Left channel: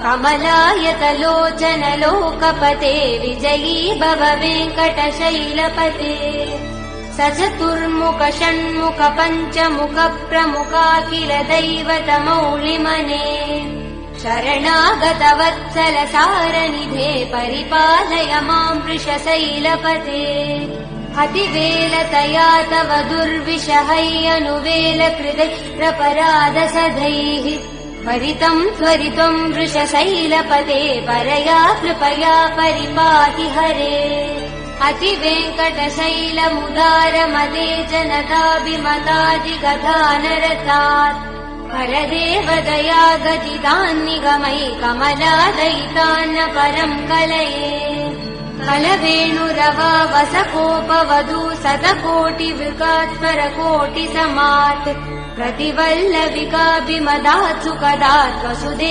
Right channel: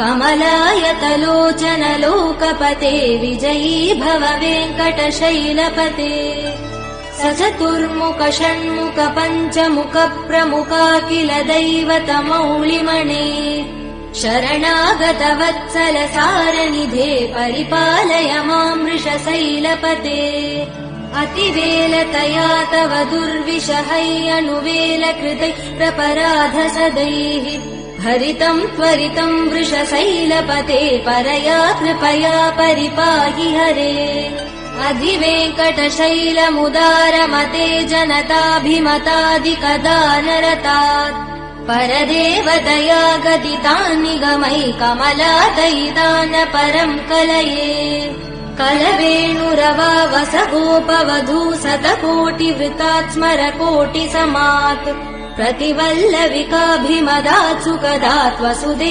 कमलायतलोचन लोकपते विजयी भव वेङ्कटशैलपते सचतुर्मुख षण्मुख पञ्चमुख प्रमुखाखिल दैवतमौलिमणे शरणागत वत्सल सारनिधे परिपालय मां वृषशैलपते अतिवेलतया तव दुर्विषहैयनुवेल कृदैरपराध सदैः हरितं त्वरितं वृषशैलपते परया कृपया परिपाहि हरे अधिवेङ्कटशैलमुदारमते जनताभिमतादिगदानरतात् परदेवदया गदितान् निगमै कमलादयितान् परं कलये कलवेणुरवावसगोपवधू शतकोटिवृतात् स्मरकोटिसमात् प्रतिवल्लविकाभिमदात् सुखदात् वसुदेव